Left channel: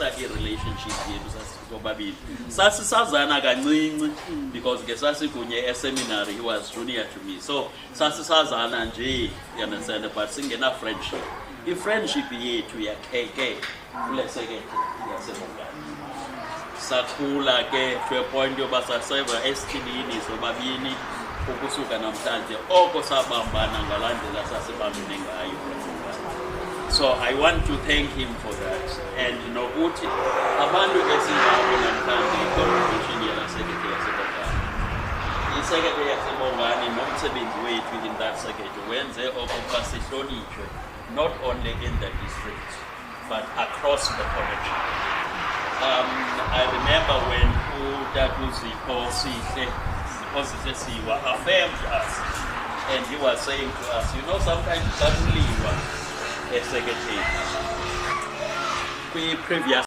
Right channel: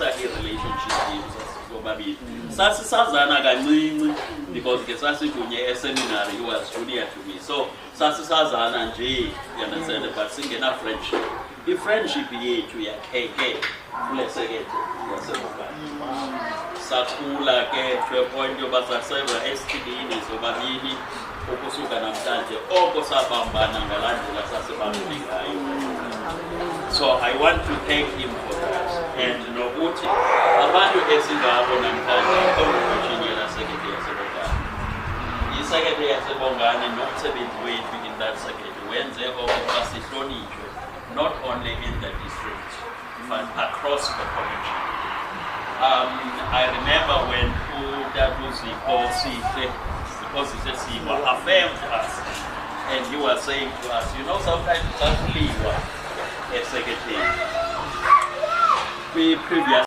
relationship bobabili sasisazana kancinci because ke sasikunye eseminary. He was junior to me, so sasisazana nje, you understand, but singena friendship. I-friendship yethu yakheke kule sekethe yaseBokani. Sakhula ke to a point yoba saseva esithilini sobabili ukusuka namhlanje oko sabambana ngalandlela sasebambene ngayo. So I want to thank him for that. And nokuthi abantu esingabo namhlanje i-contribution yelasekethe yaseBokani. Isekethe yaseBokani nomsebenzi wethu in that sekethe wenze okokuba sihlonitshwe not only in the district but across the connection. I remember when Udatuzi Siwa affirmed us, and he was saying to us, you know, sometimes suddenly you are a secretary. The previous